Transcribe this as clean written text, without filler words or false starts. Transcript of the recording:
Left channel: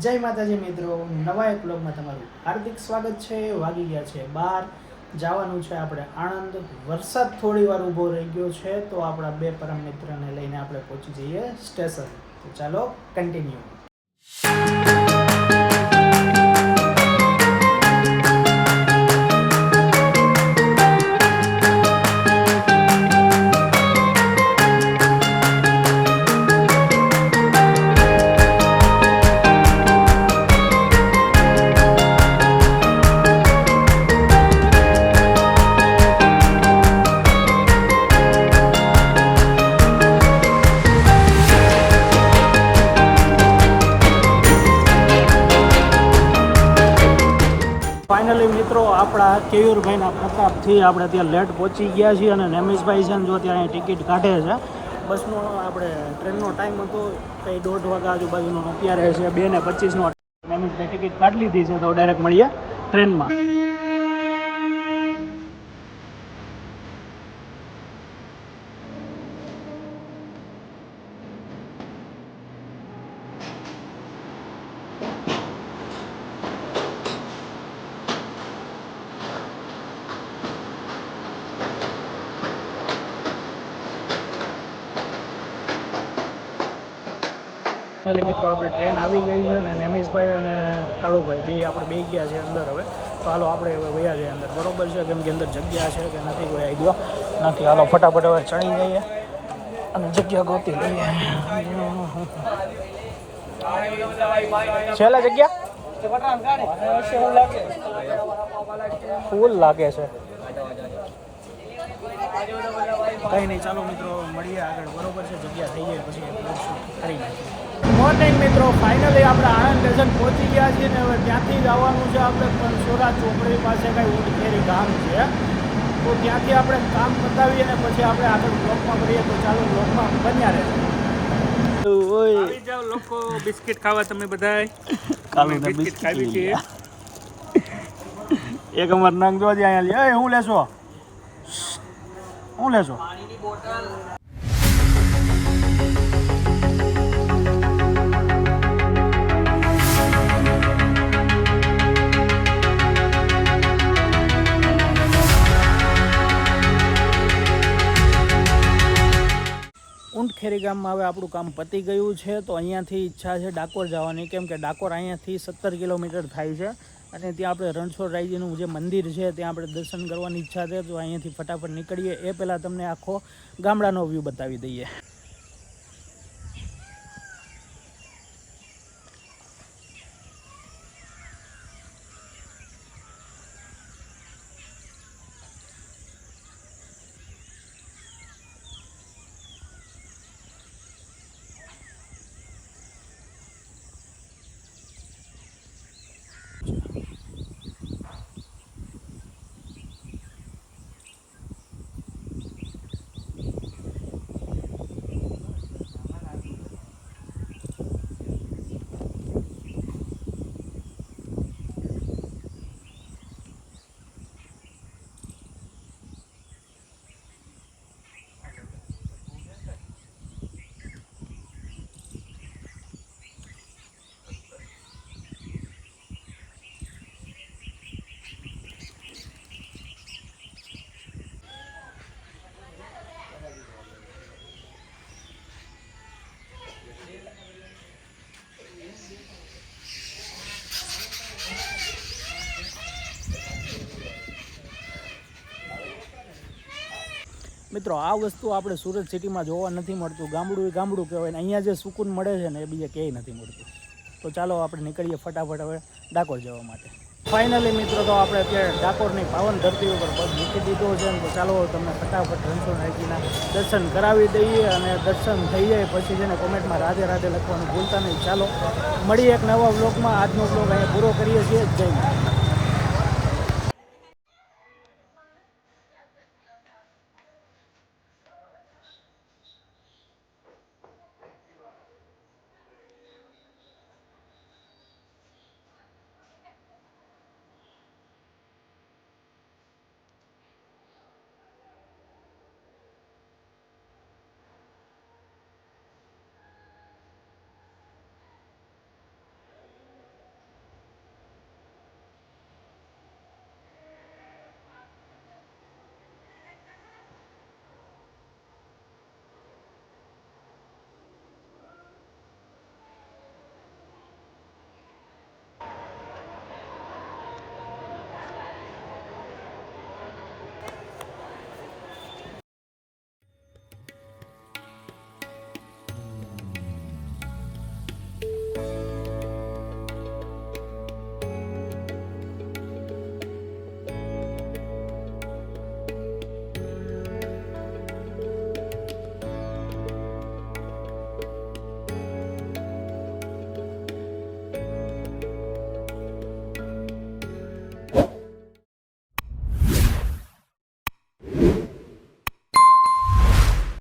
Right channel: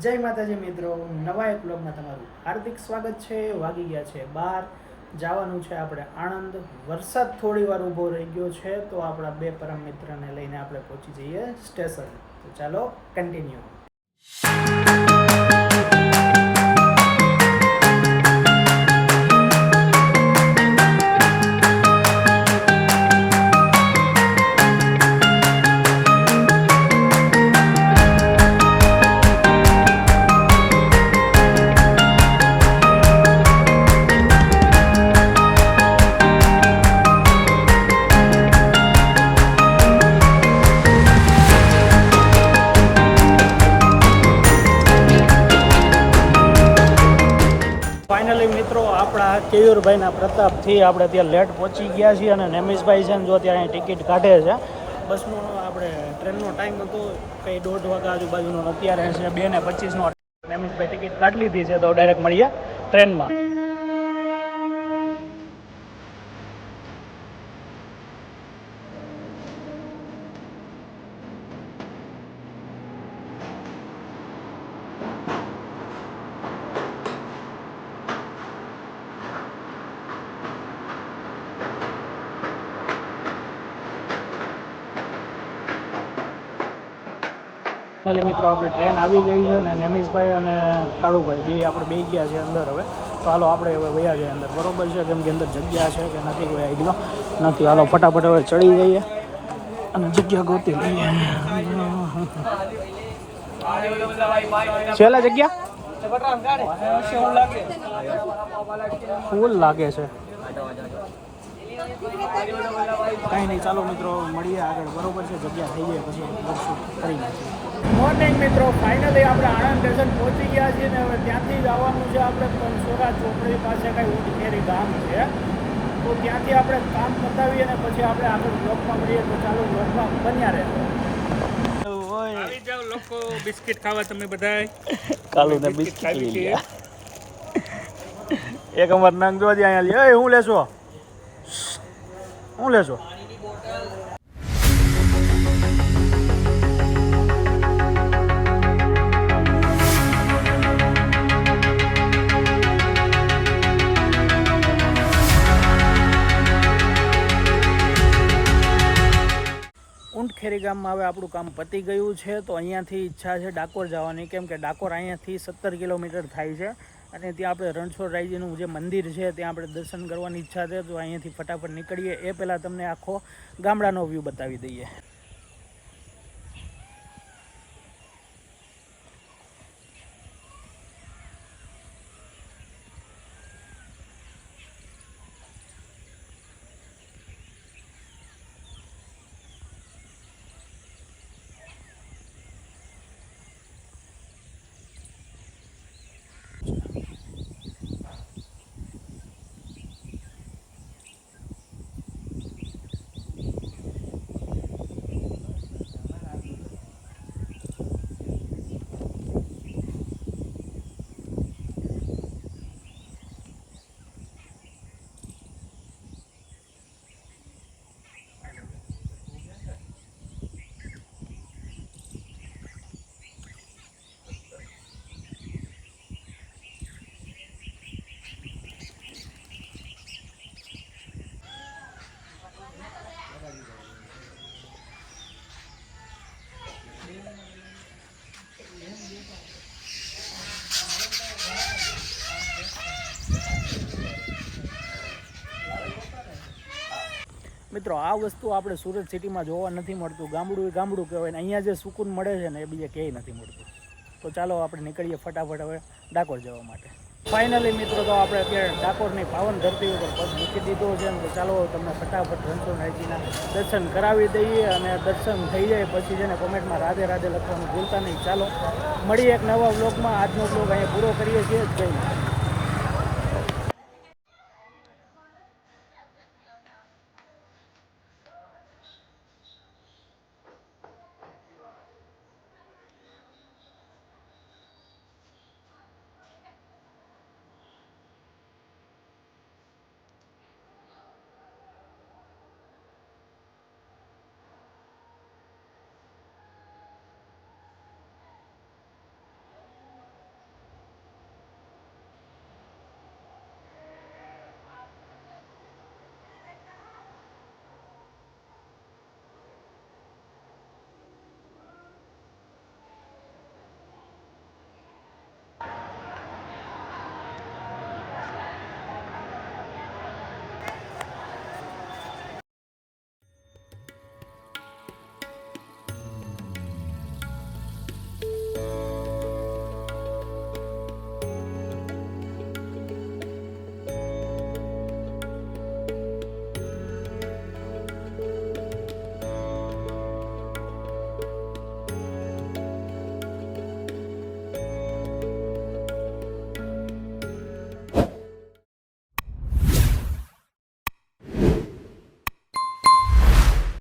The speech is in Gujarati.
જય માતાજી મિત્રો, નવા એક બ્લોગમાં તમારું હાર્દિક સ્વાગત છે। વાગી ગયા છે 12, જવાનું છે આપણે આણંદ। વરસાદ થોડી વાર ઊભો રહી ગયો છે તો આપણા બે પરમ મિત્રને લઈને આપણે પહોંચી જઈએ સ્ટેશન। તો ચાલો કન્ટિન્યુ। ફાઇનલી મિત્રો આપણા કેયુરભાઈના પ્રતાપથી આપણે ત્યાં લેટ પહોંચી ગયા છીએ અને નેમિશભાઈ છે ને જો ત્યાં ટિકિટ કાઢે છે। બસનો આપણે ટ્રેનનો ટાઈમ હતો કંઈ 1:30 વાગ્યા આજુબાજુનો, અત્યારે છે 2:25નો। નેમિશભાઈ ટિકિટ કાઢી લીધી છે તો ડાયરેક્ટ મળીએ ટ્રેનમાં। મિત્રો આપણે ટ્રેન આવી ગઈ છે ને નેમિશભાઈ અને કાળુભાઈ બે આપણે બે ગયા છે અંદર। હવે તો હાલો આપણે હવે વયા જઈએ અંદર, બરોબર છે? કેમ કે અંદર જગ્યા છે કે નથી કોઈ આઈડિયા નથી। હાલો ફટાફટ હવે ચડી જઈએ અને જગ્યા ગોતી લઈએ। છેલ્લે જગ્યા ફૂલ લાગે છે। કંઈ નહીં, ચાલો મિત્રો મળીએ આગળ, બરોબર છે? જગ્યા થઈ જાય પછી બ્લોગ શૂટ કરી નાખીએ। મોર્નિંગ મિત્રો, ફાઇનલી આપણે આણંદ સ્ટેશન પહોંચી ગયા છીએ ને હવે ત્યાંથી જવાનું છે આપણે પંચોરા ચોકડી પાસે કાંઈ ઊંટખેરી ગામ છે, તો ત્યાંથી આપણે કામ પતાવીએ અને પછી આપણે આગળ બ્લોગમાં મળીએ। તો ચાલો બ્લોગમાં બન્યા રહેજો। આવી જાવ લોકો, બિસ્કિટ ખાવા તમે બધાય। કાલે બિસ્કિટ ખાવી છે એક અમાર નાંગ જોવા દે અહીંયા લે। હું લેશો? હું લેશો? પાણીની બોટલ। ઊંટખેરી ગામમાં હવે આપણું કામ પતી ગયું છે તો અહીંયાથી ઈચ્છા છે ડાકોર જવાની, કેમ કે ડાકોર અહીંયાથી 17 કિલોમીટર થાય છે અને ત્યાં આપણે રણછોડરાયજીનું જે મંદિર છે ત્યાં આપણે દર્શન કરવાની ઈચ્છા છે। તો અહીંયાથી ફટાફટ નીકળીએ એ પહેલાં તમને આખો ગામડાનો વ્યૂ બતાવી દઈએ। મિત્રો આ વસ્તુ આપણે સુરત સિટીમાં જોવા નથી મળતું। ગામડું એ ગામડું કહેવાય ને અહીંયા જે સુકૂન મળે છે ને એ બીજે ક્યાંય નથી મળતું। તો ચાલો આપણે નીકળીએ ફટાફટ હવે ડાકોર જવા માટે। ફાઇનલી મિત્રો તો આપણે અત્યારે ડાકોરની પાવન ધરતી ઉપર પગ મૂકી દીધો છે ને તો ચાલો તમને ફટાફટ રણછોડરાયજીના દર્શન કરાવી દઈએ અને દર્શન થઈ જાય પછી છે ને કોમેન્ટમાં રાધે રાધે લખવાનું ભૂલતા નહીં। ચાલો મળીએ એક નવા વ્લોગમાં। આજનો વ્લોગ અહીંયા પૂરો કરીએ છીએ। જય માતા।